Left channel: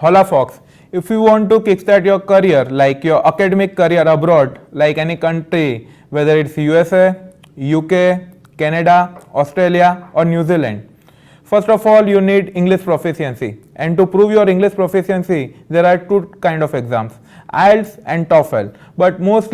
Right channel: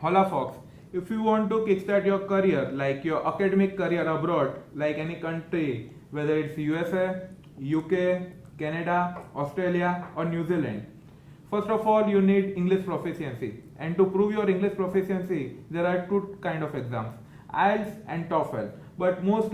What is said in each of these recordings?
Hola Fox. If you want to kickstart your career, like your academic career abroad, like any country, whether it's USA, UK, Canada, Australia, or New Zealand, first of all, you need English proficiency. And to prove your English proficiency, there are two kind of exams, IELTS and TOEFL. But most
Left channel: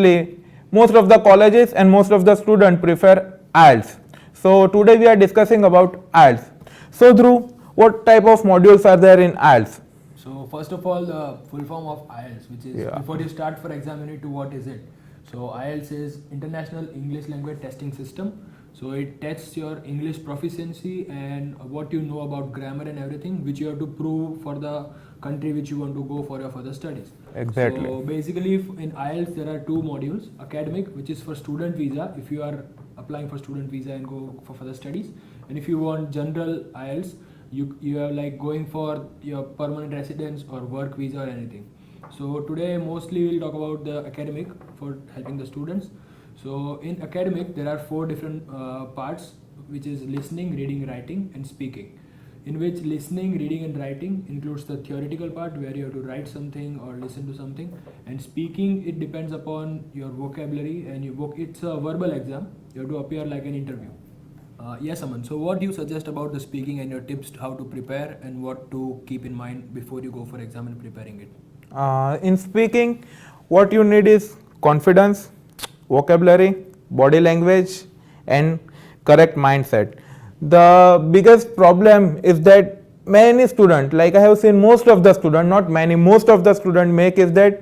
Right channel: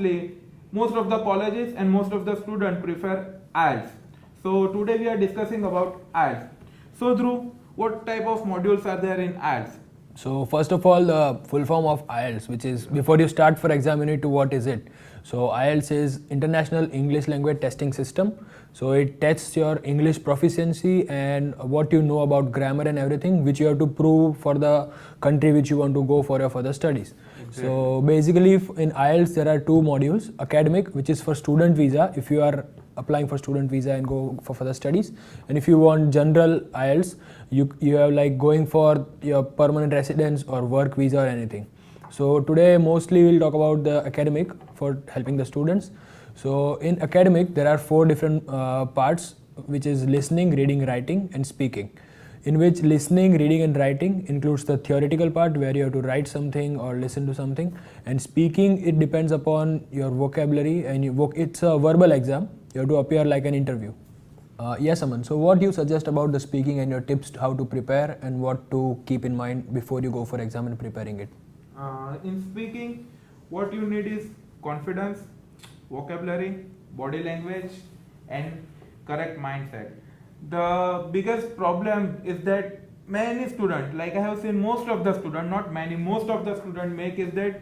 of the colleges and most of the students prefer IELTS. So today we are discussing about IELTS. So Dhruv, what type of modules are there in IELTS? So first of all, the full form of IELTS, which is before you start for exam, you need to what is it? So IELTS is International English Language Testing System. So it tests your English proficiency and what you know about grammar and everything, which you have to prove for the country which you want to go for your further studies. Exactly. So basically in IELTS there are two modules: academic, which is for student visa, if you are applying for student visa and go for further studies, and if you want general IELTS, you have like going for your permanent residence or work visa or anything. So today mostly we'll talk about the academic for helping the students. So in academic there are four different parts, which is listening, reading, writing and speaking, in which listening, reading and writing includes the theoretical part where you have to write something or listen to something, and speaking, it depends upon your vocabulary and it's a verbal exam, you have to appear like an interview. Yes, Aman. So what do you suggest about the speaking and your tips how to prepare and what to keep in mind before you go for exam and preparing it? In speaking, what you need is confidence, vocabulary, body language, and correct mindset. The biggest problem is that many students, like I have seen most of the students, not many, most of the students make is that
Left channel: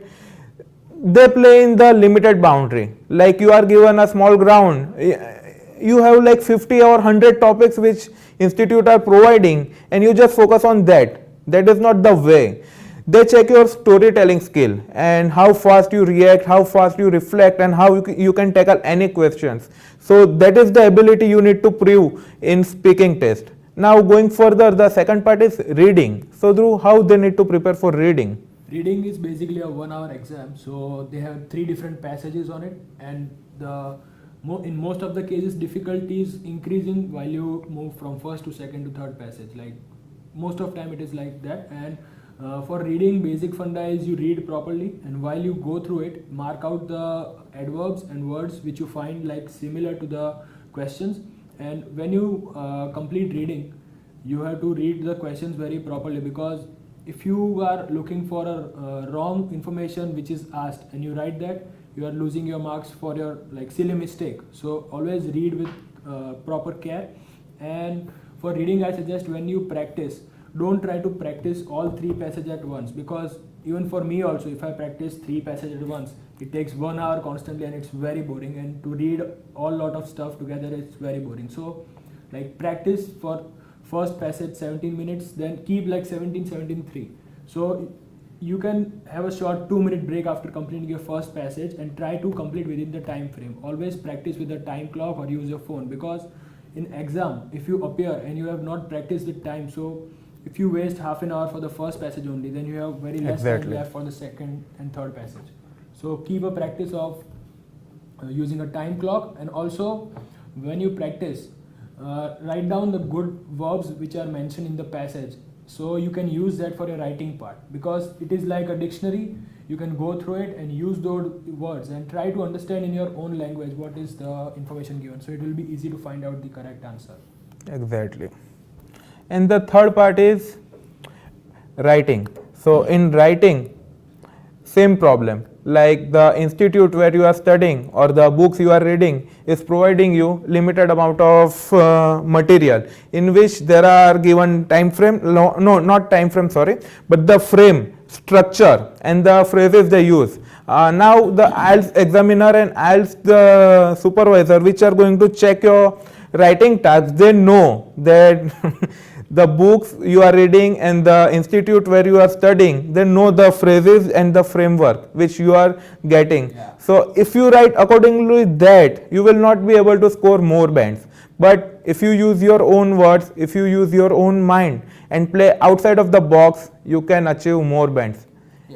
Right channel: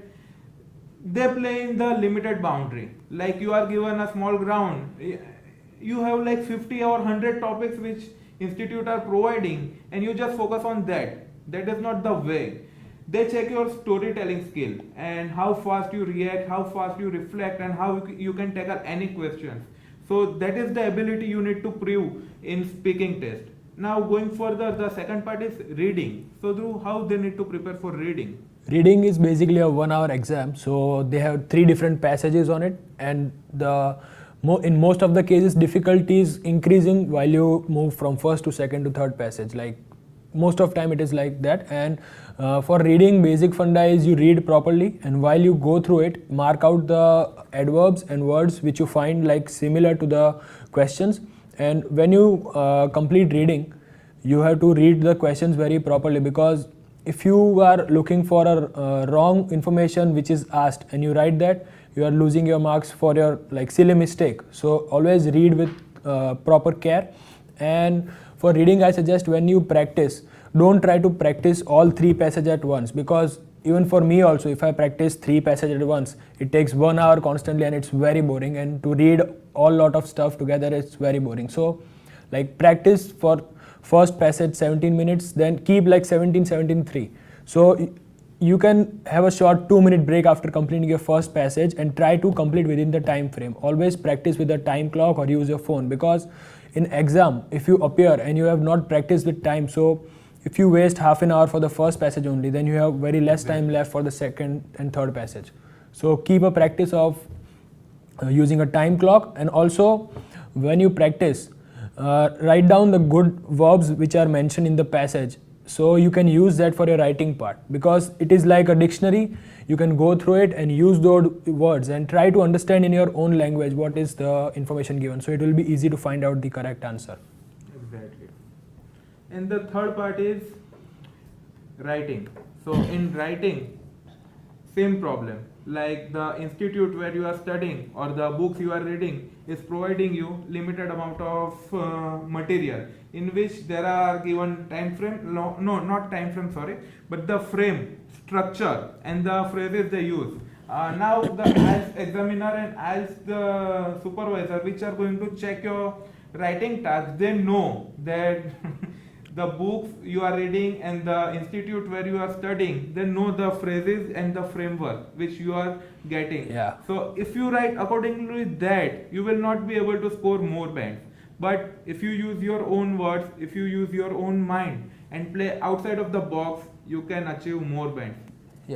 they play in the limited boundary. Like you are given a small ground, you have like 50 or 100 topics which institute are providing and you just focus on that. That is not the way. They check your storytelling skill and how fast you react, how fast you reflect, and how you can tackle any questions. So that is the ability you need to prove in speaking test. Now going further, the second part is reading. So Dhruv, how they need to prepare for reading? Reading is basically a 1 hour exam, so they have 3 different passages on it, and in most of the cases difficulty is increasing while you move from first to second to third passage. Like most of time it is like that. And for reading, basic funda is you read properly, and while you go through it, mark out the adverbs and words which you find like similar to the questions. And when you complete reading, you have to read the questions very properly, because if you are looking for a wrong information which is asked and you write that, you are losing your marks for your like silly mistake. So always read with proper care. And for reading, I suggest when you practice, don't try to practice all 3 passages at once, because even for me also, if I practice 3 passages at once, it takes 1 hour constantly and it's very boring, and to read all lot of stuff together, it's very boring. So like practice for first passage 17 minutes, then keep like 17-3. So you can have a short 2-minute break after completing your first passage and try to complete within the time frame. Always practice with a time clock or use your phone, because in exam, if you appear and you have not practiced with time, so if you waste half an hour for the first passage only, then you have very less time left for the second and third passage. So keep a practice of using a time clock, and also when you practice, write down the good verbs which are mentioned in the passage, so you can use that for your writing part, because it is like a dictionary. You can go through it and use those words and try to understand in your own language what is the information given, so it will be easy to find out the correct answer. Exactly. And the third part is writing. So in writing, same problem. Like the institute where you are studying or the books you are reading is providing you limited amount of material, in which there are given time frame, no not time frame, sorry, but the frame, structure and the phrases they use. Now the IELTS examiner and IELTS the supervisor, which are going to check your writing task, they know that the books you are reading and the institute where you are studying, they know the phrases and the framework which you are getting. Yeah. So if you write accordingly that, you will not be able to score more bands. But if you use your own words, if you use your own mind and play outside of the box, you can achieve more bands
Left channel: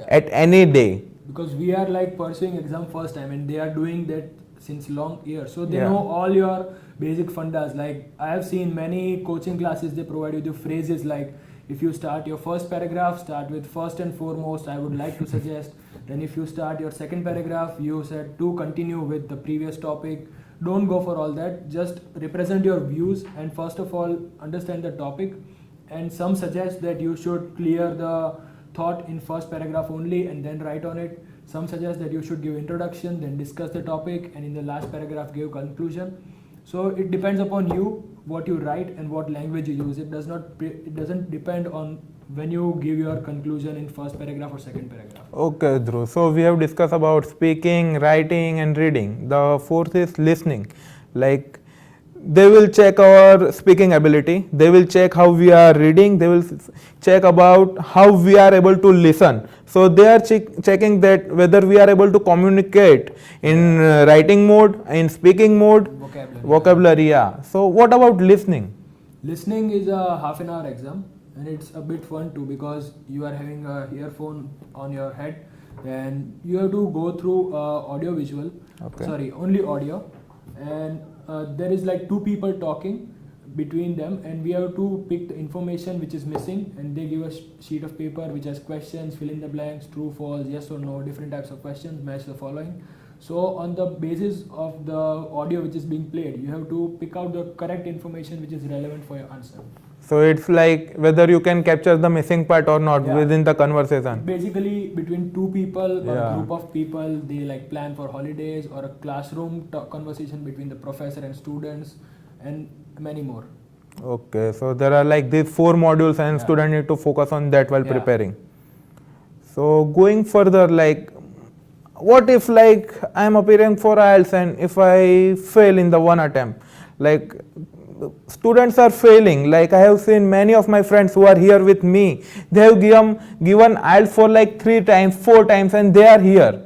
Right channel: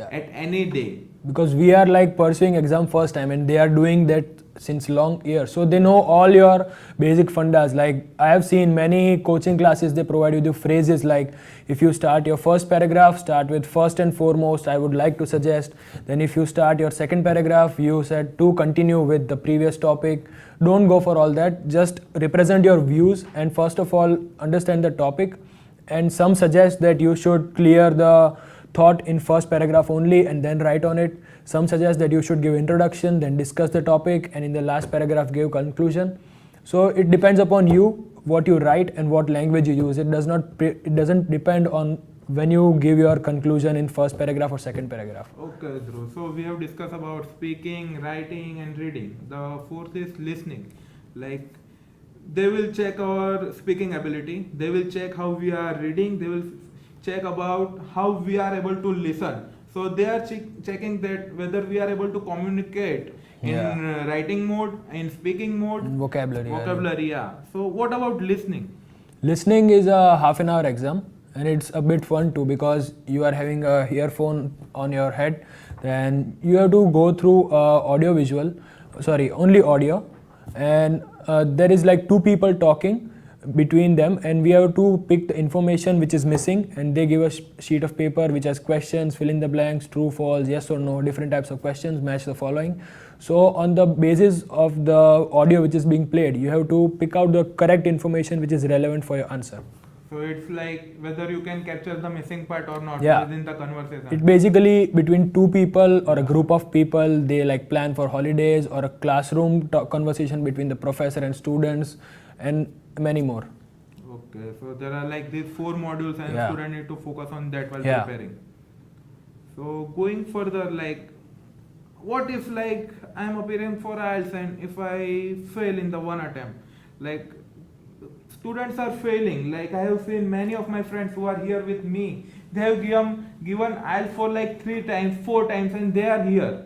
at any day. Because we are like pursuing exam first time and they are doing that since long years, so they know all your basic fundas. Like I have seen many coaching classes, they provide you the phrases like, if you start your first paragraph, start with first and foremost, I would like to suggest. Then if you start your second paragraph, you said to continue with the previous topic. Don't go for all that, just represent your views and first of all understand the topic. And some suggest that you should clear the thought in first paragraph only and then write on it. Some suggest that you should give introduction, then discuss the topic, and in the last paragraph give conclusion. So it depends upon you what you write and what language you use. It doesn't depend on when you give your conclusion in first paragraph or second paragraph. Okay, Dhruv. So we have discussed about speaking, writing, and reading. The fourth is listening. Like they will check our speaking ability. They will check how we are reading. They will check about how we are able to listen. So they are checking that whether we are able to communicate in writing mode, in speaking mode, vocabulary. Yeah. So what about listening? Listening is a half an hour exam, and it's a bit fun too because you are having a earphone on your head, and you have to go through audio visual, only audio, and there is like two people talking between them, and we have to pick the information which is missing, and they give a sheet of paper which has questions, fill in the blanks, true, false, yes or no, different types of questions, match the following. So on the basis of the audio which is being played, you have to pick out the correct information which is relevant for your answer. So it's like whether you can capture the missing part or not within the conversation. It basically between two people or a group of people, they like plan for holidays or a classroom conversation between the professor and students and many more. Okay, so there are like these 4 modules and student need to focus on that while preparing. So going further, like what if like I am appearing for IELTS and if I fail in the one attempt, like students are failing. Like I have seen many of my friends who are here with me, they have given IELTS for like 3 times, 4 times, and they are here.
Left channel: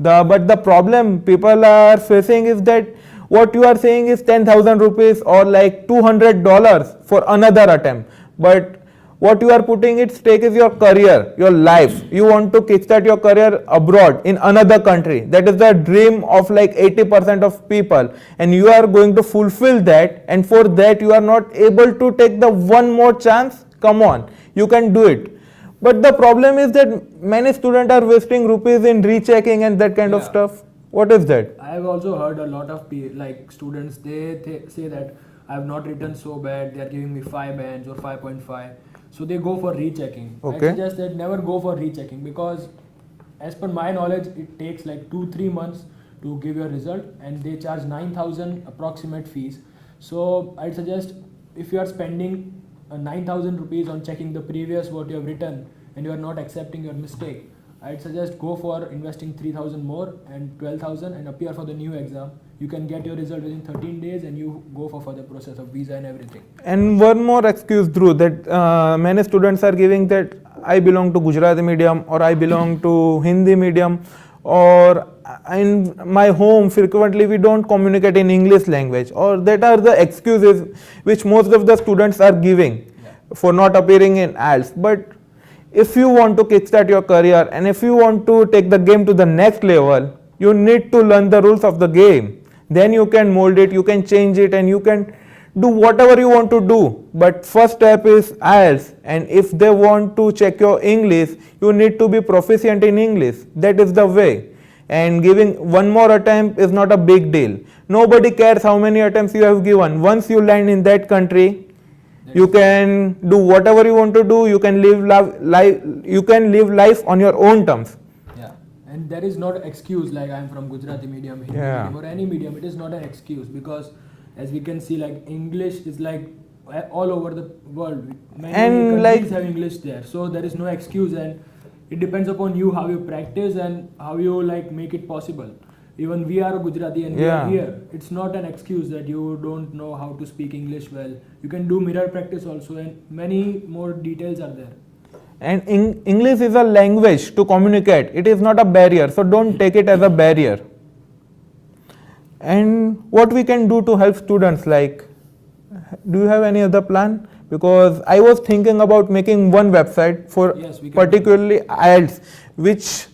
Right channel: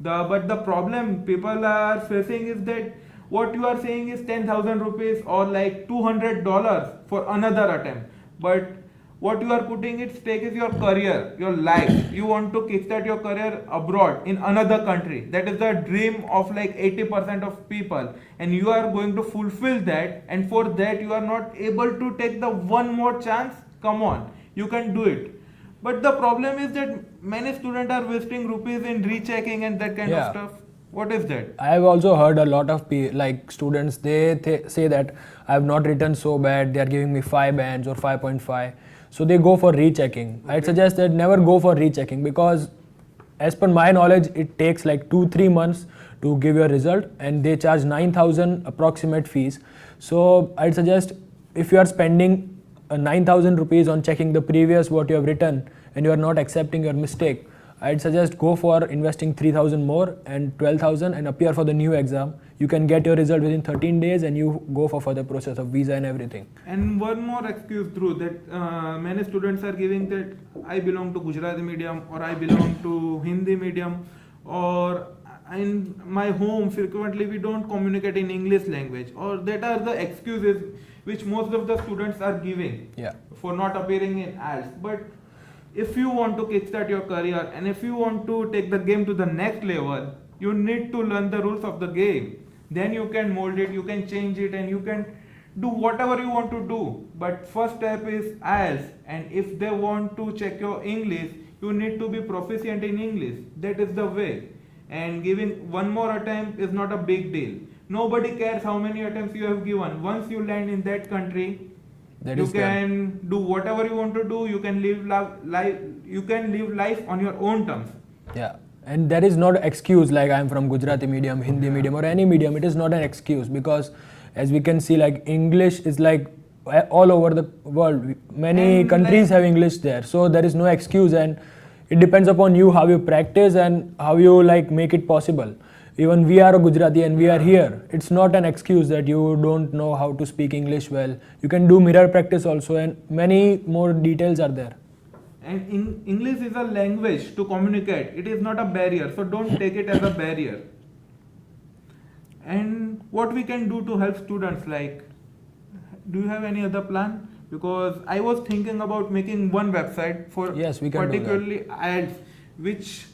But the problem people are facing is that what you are saying is 10,000 rupees or like $200 for another attempt. But what you are putting at stake is your career, your life. You want to kickstart your career abroad in another country. That is the dream of like 80% of people. And you are going to fulfill that. And for that you are not able to take the one more chance. Come on, you can do it. But the problem is that many students are wasting rupees in rechecking and that kind of stuff. What is that? I have also heard a lot of like students, they say that I have not written so bad, they are giving me 5 bands or 5.5. So they go for rechecking. I suggest that never go for rechecking because as per my knowledge, it takes like 2-3 months to give your result and they charge 9,000 approximate fees. So I'd suggest if you are spending 9,000 rupees on checking the previous what you have written and you are not accepting your mistake, I'd suggest go for investing 3,000 more and 12,000 and appear for the new exam. You can get your result within 13 days and you go for further process of visa and everything. And one more excuse, Dhruv, that many students are giving that I belong to Gujarati medium or I belong to Hindi medium, or in my home frequently we don't communicate in English language, or that are the excuses which most of the students are giving for not appearing in IELTS. But if you want to kickstart your career and if you want to take the game to the next level, you need to learn the rules of the game. Then you can mold it, you can change it, and you can do whatever you want to do. But first step is IELTS, and if they want to check your English, you need to be proficient in English. That is the way. And giving one more attempt is not a big deal. Nobody cares how many attempts you have given. Once you land in that country, you can do whatever you want to do. You can live life on your own terms. Yeah, and there is not an excuse like I'm from Gujarati medium, Hindi medium, or any medium. It is not an excuse because, as we can see, like English is like all over the world. Many countries have English there, so there is no excuse, and it depends upon you how you practice and how you like make it possible. Even we are a Gujarati and we are here. It's not an excuse that you don't know how to speak English well. You can do mirror practice also, and many more details are there. And English is a language to communicate. It is not a barrier, so don't take it as a barrier. And what we can do to help students, like, do you have any other plan? Because I was thinking about making one website for particularly IELTS, which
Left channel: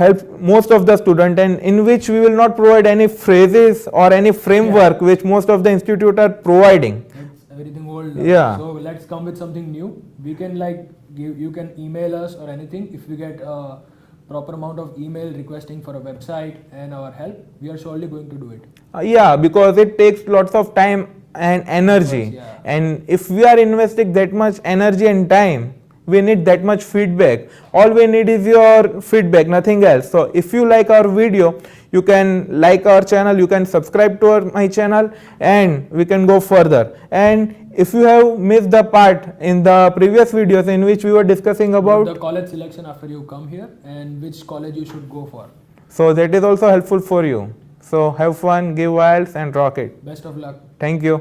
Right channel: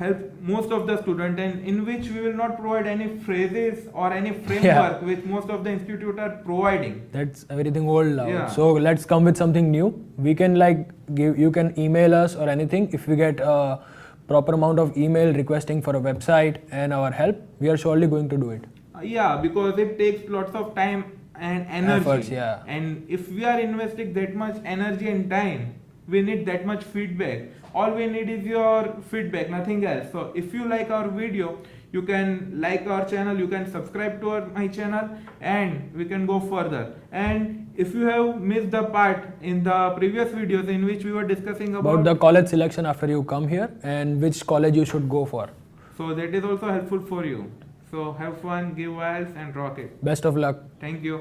help most of the student, and in which we will not provide any phrases or any framework which most of the institute are providing. That's everything old now. Yeah. So let's come with something new. We can like give, you can email us or anything. If we get a proper amount of email requesting for a website and our help, we are surely going to do it. Yeah, because it takes lots of time and energy. Efforts, yeah. And if we are investing that much energy and time, we need that much feedback. All we need is your feedback, nothing else. So if you like our video, you can like our channel, you can subscribe to my channel, and we can go further. And if you have missed the part in the previous videos in which we were discussing About about, the college selection after you come here and which college you should go for. so that is also helpful for you. So have fun, give wild and rock it. Best of luck. Thank you.